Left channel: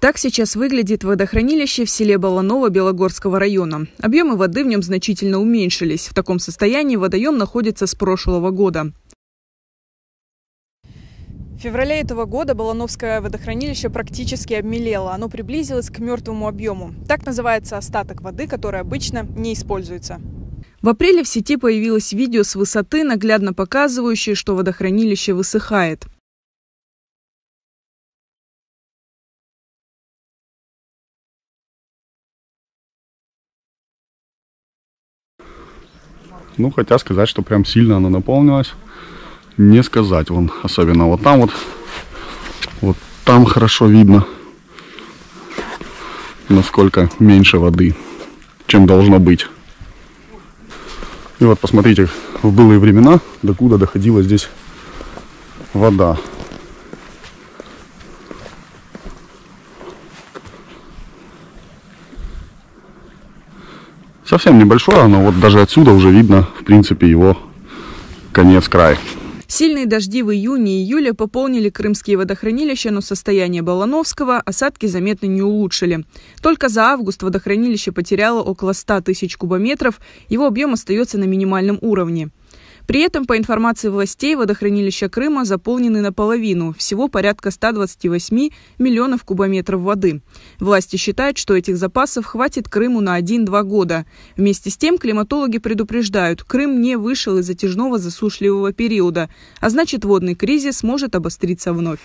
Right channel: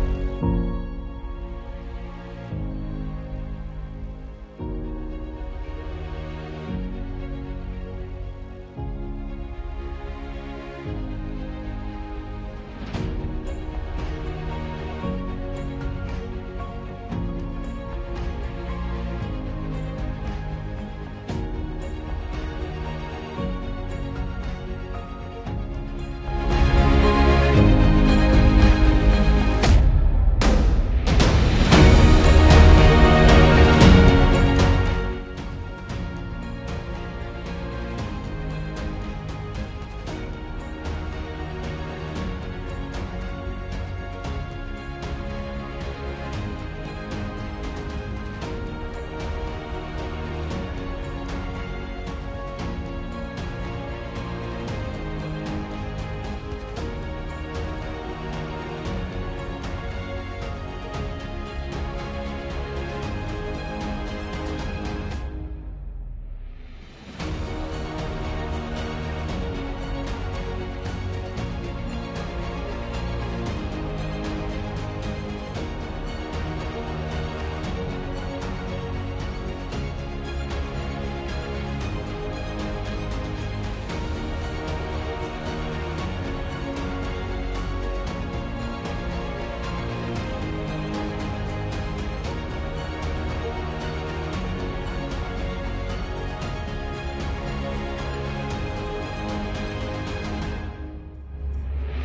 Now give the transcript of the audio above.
Так сейчас выглядит водохранилище в селе Баланово Белогорского района. Объемы воды в нем значительно уменьшились. В таком состоянии водоем находится с прошлого года. В феврале этого года Балановское водохранилище практически обмелело. Оно приблизилось к мертвому объему. Так называется остаток воды, который обычно не используется. В апреле в сети появилось видео с высоты, наглядно показывающее, что водохранилище высыхает. Ну, хотя сказать, что прям сильно оно наполнилось, не сказать. Вон, особенно вот там хорошо видно, насколько меньше воды, чем должно быть. И вот посмотрите, в былые времена, докуда доходила здесь вода. Совсем небольшое, но вот даже отсюда уже видно, в принципе, его конец-край. Сильные дожди в июне и июле пополнили крымские водохранилища, но состояние Балановского осадки заметно не улучшили. Только за август водохранилище потеряло около 100 тысяч кубометров, его объем остается на минимальном уровне. При этом, по информации властей, водохранилища Крыма заполнены наполовину, всего порядка 128 миллионов кубометров воды. Власти считают, что этих запасов хватит Крыму на 1-2 года. Вместе с тем климатологи предупреждают, Крым не вышел из затяжного засушливого периода, а значит водный кризис может обостриться вновь.